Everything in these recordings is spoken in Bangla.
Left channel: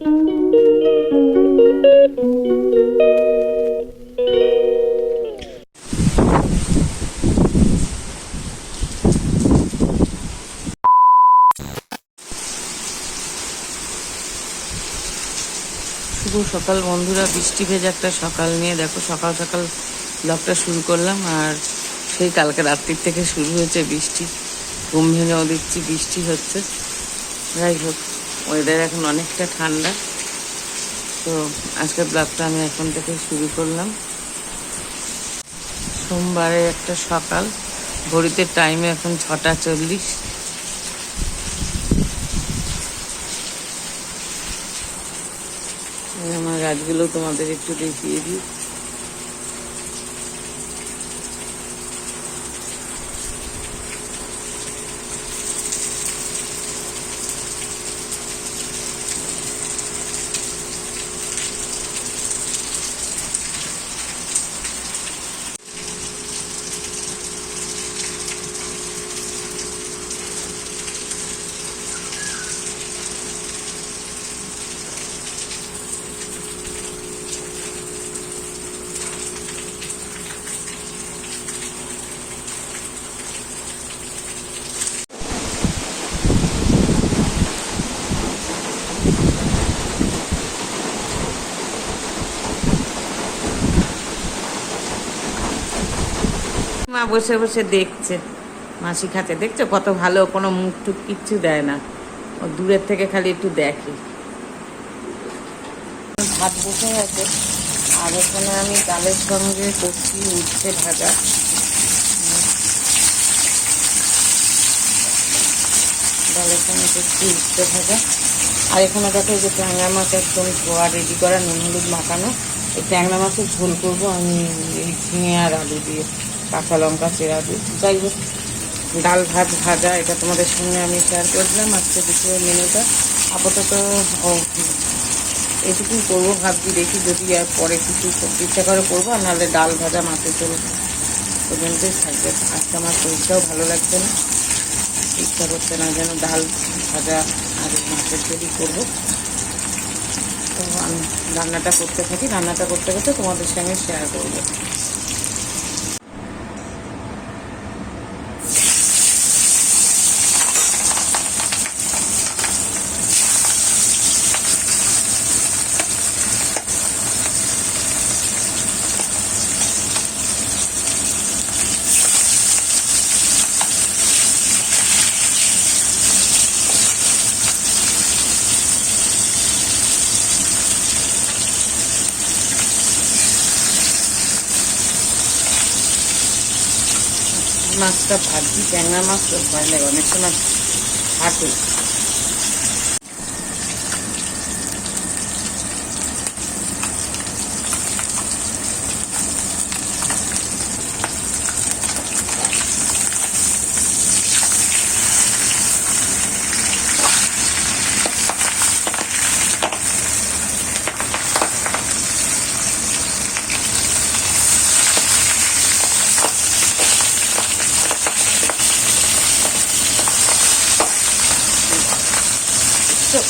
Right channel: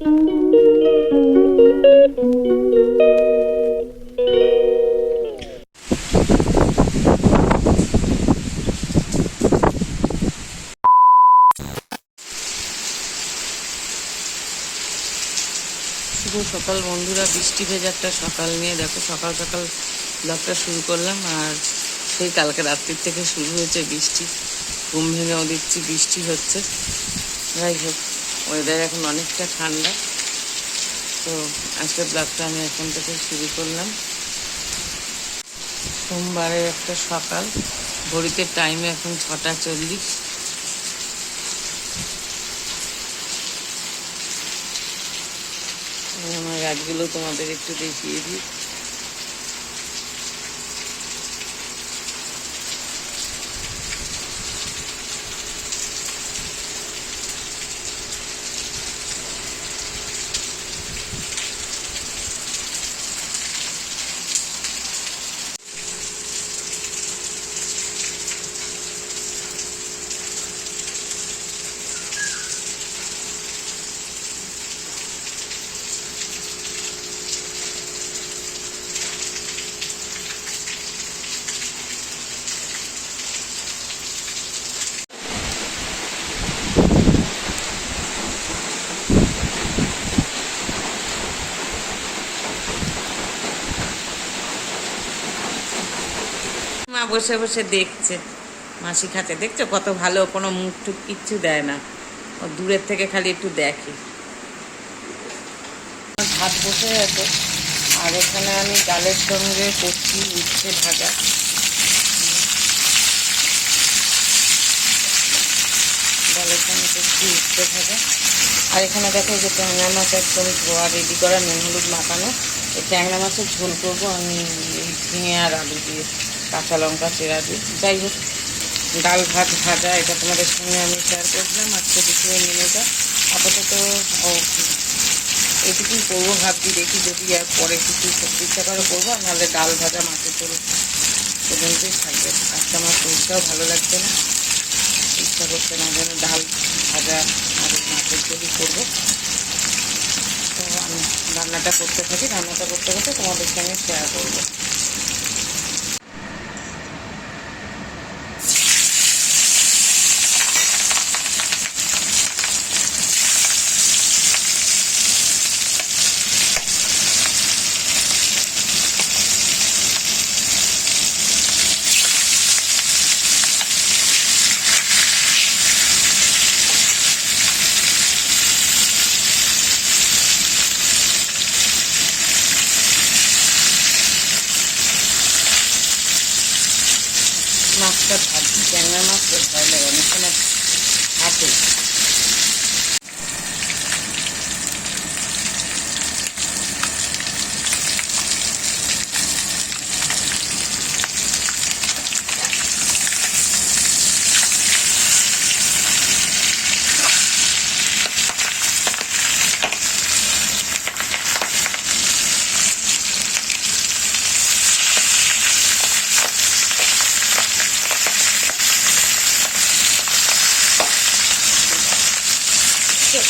শুভ সকাল বন্ধুরা, বৃষ্টি ভেজা একটা সকাল নিয়ে দেখো সকাল সকাল ব্লগটা শুরু করলাম। আর সেই কালকে রাত্রির থেকে শুরু হয়েছে বৃষ্টি, ঘুম ভেঙেও দেখছি বৃষ্টি হচ্ছে। যাই হোক, ওয়েদার এখন অনেকটা ঠান্ডা, তো আজকের ব্লগটা আমি এখন থেকে শুরু করলাম। সোমবারের একটা সকাল, ঘড়িতে টাইমে এখন 6:40। আমার গাছগুলো তোমাদের একটু দেখিয়ে দিই। মা বসে বসে দেখছে, মাসি খাচ্ছে, দেখছো কত ভালো, কোনো মুখ টুক কিচ্ছু দেয় না, ও দূরের থেকে খালি একটু দেখে। ভাত বসে গেছে, আর এখানে আমি ডালের সঙ্গে করছি উচ্ছে ভাজা। ডালের সঙ্গে করছি উচ্ছে ভাজা। আর এখানে দেখো যে ট্যাংরা মাছ একদম ধোয়া রেডি করা, নুন হলুদ মাখানো। এই ট্যাংরা মাছের ঝোল করবো আমি এই ঝিঙে আর আলু দিয়ে, কাঁচা লঙ্কা চেরা দিয়ে। যাই হোক, ডাল ভাত ভাজা, এটা তোমাদের সঙ্গে আমি শেয়ার করলাম আজকে দুপুরের মেনুটা। আপাতত এটুকুই করবো ভাবছি, দেখি যদি আর পরে কিছু ইচ্ছা করে করবো, আর নাহলে ডাল ভাজা মাছের ঝোল পর্যন্তই থাকবে। আজকে আমার শরীরটাও ভালো লাগছে না, ইচ্ছা করছে না, যেন ডাল ভাজা আর মাছের ঝোলই করবো। তো আমি রান্নাটা করতে থাকি, রান্নাটা করতে করতে তোমাদের সঙ্গে শেয়ার করবো। মাছটা ভাজি, ট্যাংরা মাছ তো ভয় লাগে, অনেক সময় হাতে।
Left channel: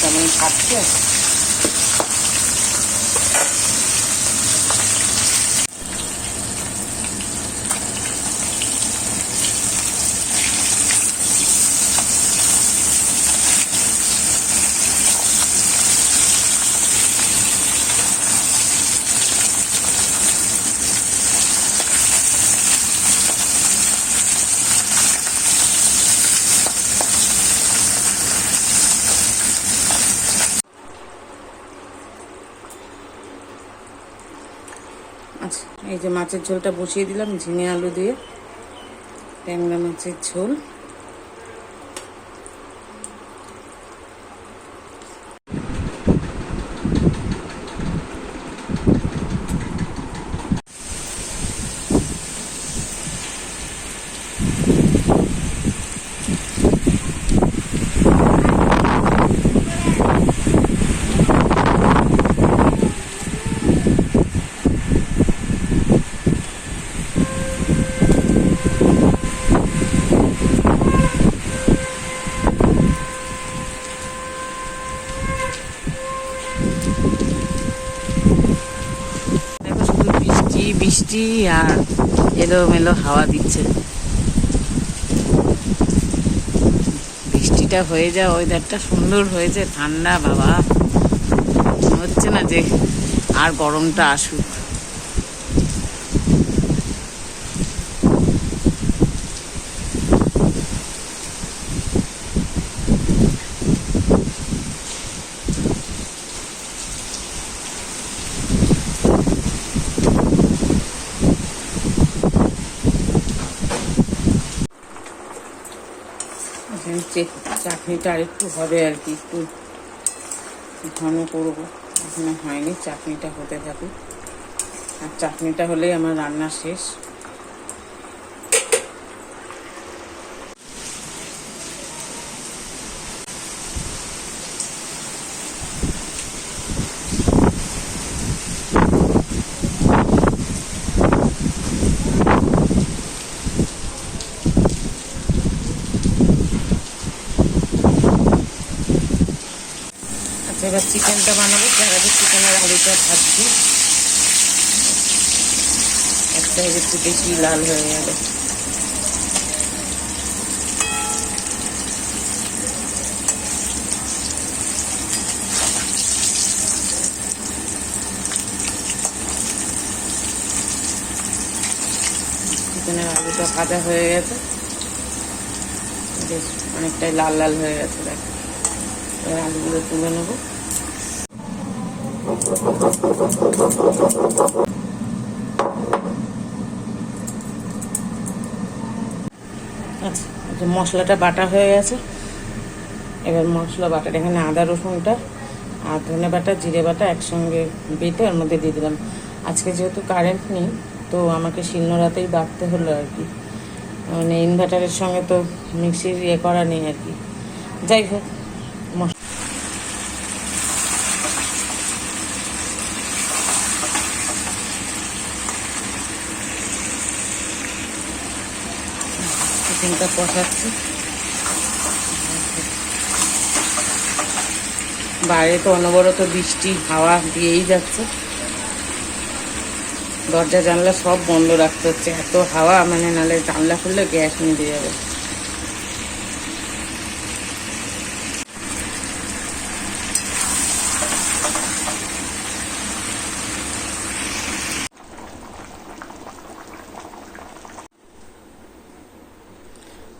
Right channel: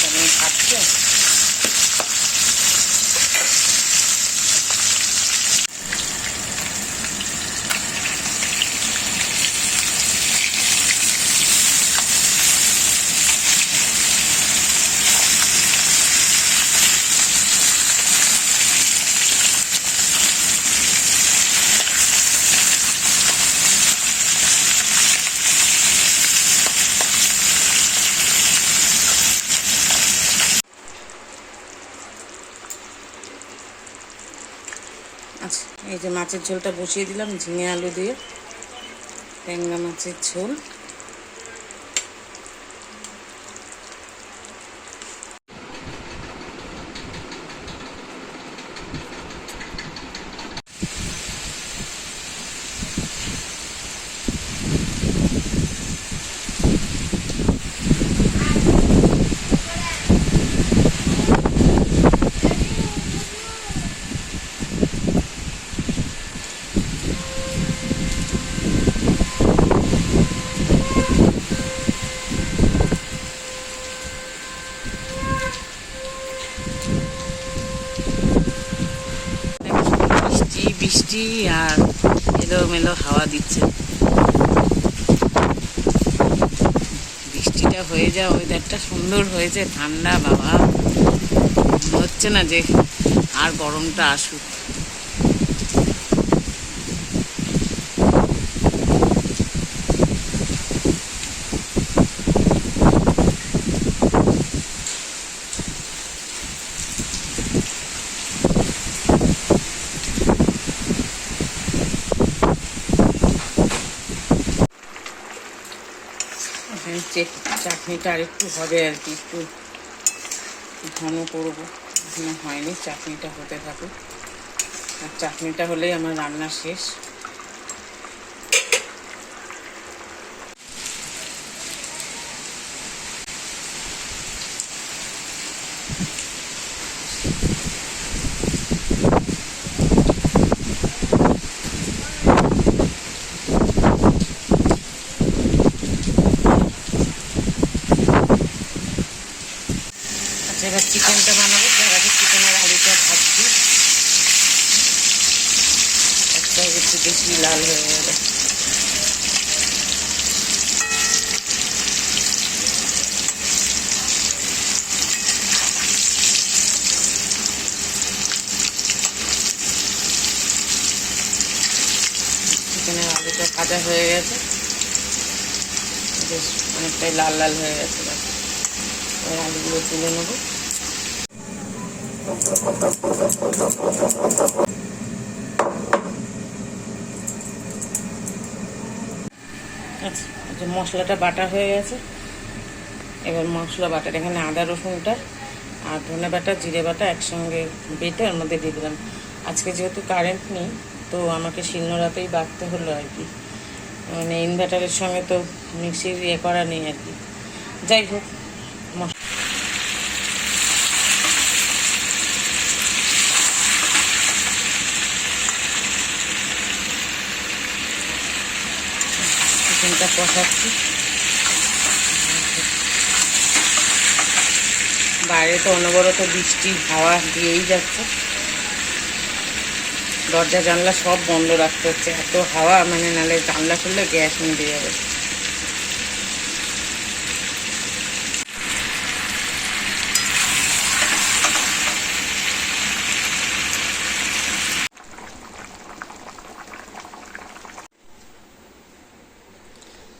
কেমন খাচ্ছে। আচ্ছা, এই যে মাছের ঝোলটা বসিয়ে দিলাম, ঝিঙে আলু দিয়ে ট্যাংরা মাছের ঝোল। বৃষ্টি আর এলোমেলো হাওয়া দিচ্ছে। বৃষ্টিটা হয়ে যায়, ওয়েদারটা সুন্দর হয়েছে, ঠান্ডা বাবা, মনে হচ্ছে না যে আর গরমটা আসুক। চাটনিটা আর একটু হবে আর কি, একটু ঘন করবো, এখনো হয়নি। চাটনিটা হতে থাকুক, আর চাটনিটা হলেই আমার রান্না শেষ। আচ্ছা, এবার চিকেনটা বানাবো। তার আগে চিকেনের আলুটা ভাজছি, একটা একটু বেশি লাল হয়ে যাবে। চিকেনের আলুটা ভাজা হয়ে গেছে, বেশ অনেকটাই লাল লাল হয়ে গেছে। দেখো, এবার আলুগুলো তুলে নেবো। আচ্ছা, মশলাটা বাটা হয়ে গেছে। এবার মশলা বাটার এখানে আদা রসুনটা আর ধনে বাটা জিরে বাটা একসঙ্গে বেটে ওর মধ্যে দিয়ে দিলাম। আজকে যেহেতু কারেন্ট নেই, তো আমাকে শিলনোড়াতেই বাটতে হলো আর কি, মানে ইনভার্টারের সঙ্গে তো মিক্সির করা নেই আর কি। যাই হোক, চিকেনটা কষাচ্ছি। বাইরে তো অনবরত বৃষ্টি হাওয়া দিয়েই যাচ্ছে, দরজা জানলা সব বন্ধ রাখতে হচ্ছে, এত হাওয়া, মানে নাহলে জানলা খুললে গ্যাস নিভে যাবে।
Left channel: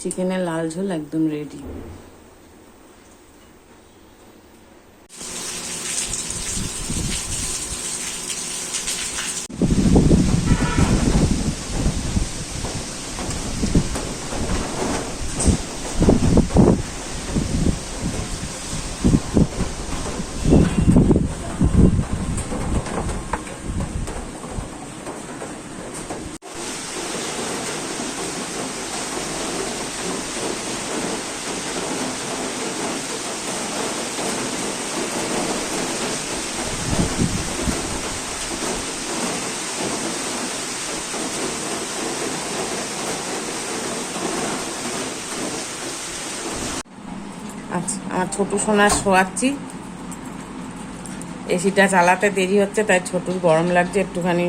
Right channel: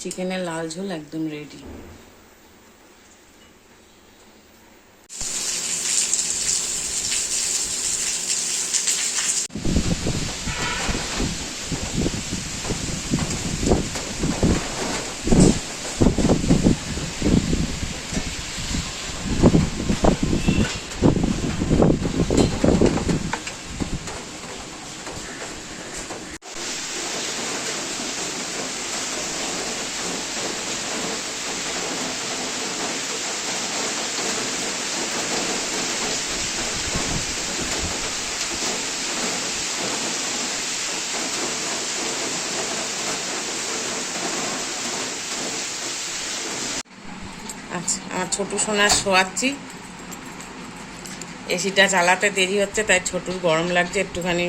চিকেনের লাল ঝোল একদম রেডি। আচ্ছা, আমার ছোটু সোনার শোয়াচ্ছি, এসিটা চালাতে দেরি হচ্ছে, তাই ছোটুর গরম লাগছে, একটুখানি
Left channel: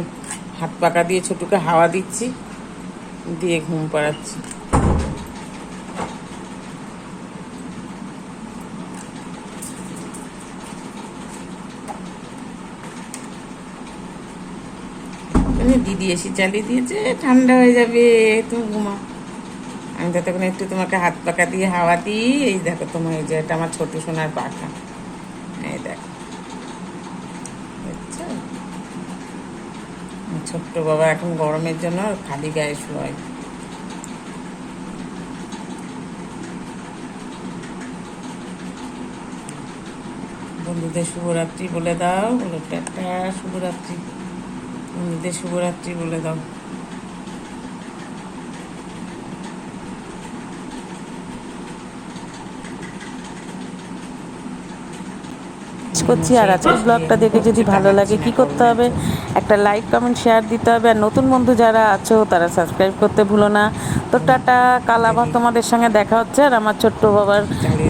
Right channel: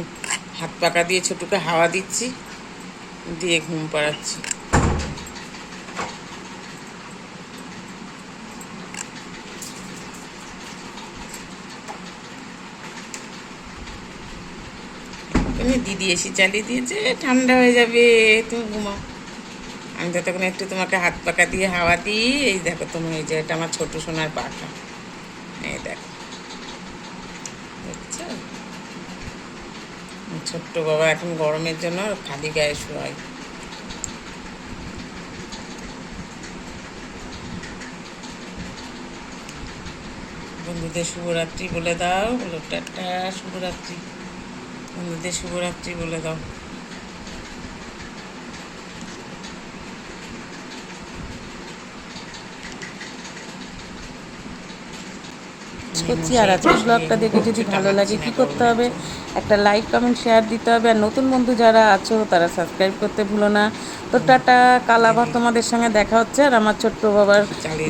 হাত পাকা দিয়ে ছোটুকে হাওয়া দিচ্ছি, দিয়ে ঘুম পাড়াচ্ছি। দিদি এসি চালিয়ে দিয়েছে, ঠান্ডা হয়ে যাবে, তুমি ঘুমাও। আমি ততক্ষণ একটু তোমাকে হাত পাকা দিয়ে হাওয়া দিই। এই দেখো তোমার, এই যে এটা আমার ছোট সোনার পাখা, এই দেখো, বুঝছো? ছোট্ট বাবা এখন গরমের জন্য খালি গায়ে শোয়। বন্ধুদের শুভরাত্রি বলে দাও, বলো টাটা, শুভরাত্রি। বন্ধুদের শুভরাত্রি বলে দাও। করছি। আর আজকের ব্লগটা দেখে যদি ভালো লাগে কি করতে হবে, একটা লাইক কমেন্ট শেয়ার দিতে হবে, আর নতুন বন্ধু যারা আছো তারা সাবস্ক্রাইব করতে ভুলো না। তো টাটা, কাল আবার তোমাদের সঙ্গে দেখা হচ্ছে। আর আমার ছোট্ট বাবার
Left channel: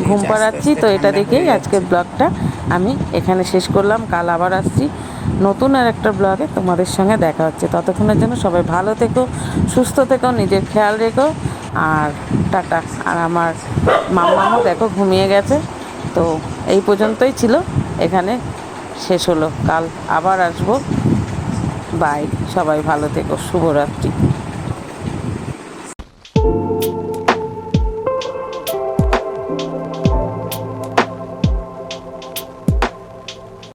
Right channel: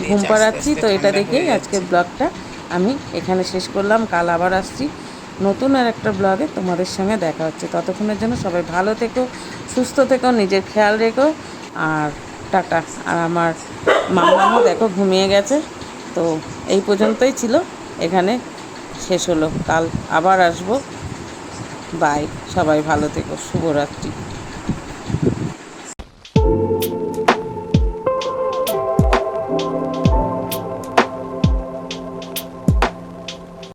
ঘুম পাড়াচ্ছি, তো এটা দেখেই আজকের ব্লগটা আমি এখানে শেষ করলাম। কাল আবার আসছি। নতুন আর একটা ব্লগে তোমাদের সঙ্গে দেখা হচ্ছে। ততক্ষণের জন্য সবাই ভালো থেকো, সুস্থ থেকো, নিজের খেয়াল রেখো। আর টাটা। আর আমার মাম্মামও দেখো ঘুমিয়ে গেছে। তো এই পর্যন্তই ছিল, এখানে শেষ হলো। কাল আবার আসবো। বাই, সবাই ভালো থেকো, শুভরাত্রি।